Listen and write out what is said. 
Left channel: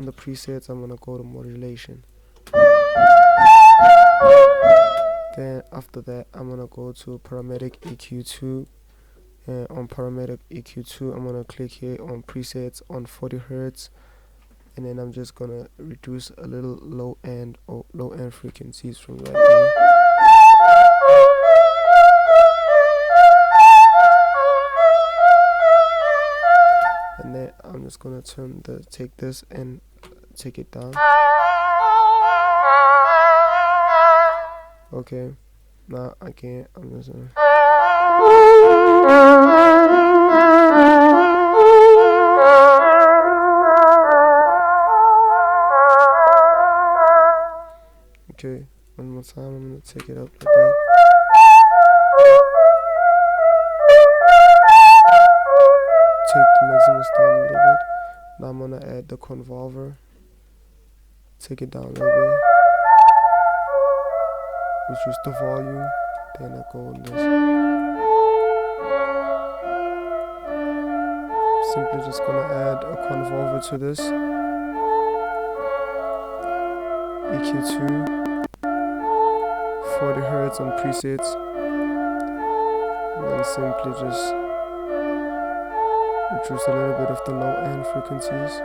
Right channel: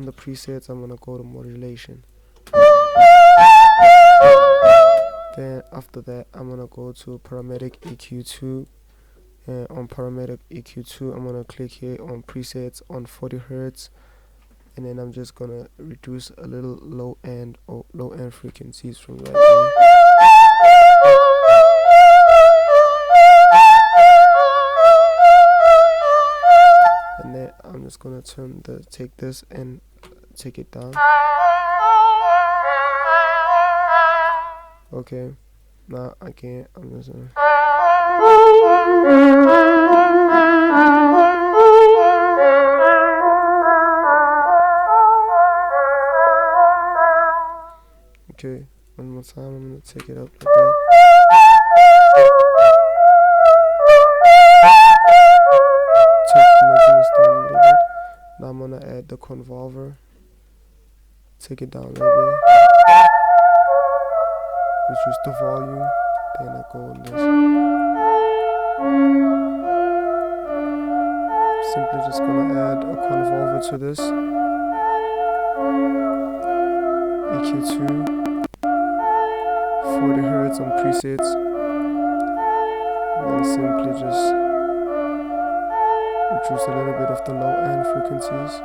On the presets, I'm gonna go to modulation. Then after that, I'm gonna go to parametric EQ2. And on parametric EQ2, I'm gonna click here on presets on 40 Hertz, and then I'm just gonna reduce a little low end frequencies from right here. And then I'm just gonna take this and take it down. Okay, now again I'm just gonna okay, one more time I'm gonna take it up like that. Take the Maximus down a little bit. Now I'm gonna add the convolver. Take it down a little bit. Reduce the volume. Then I go on this. Simply just gonna add a convolver to this. EQ2. 40 Hertz on presets. And then simply just reduce a little bit of the low end frequencies.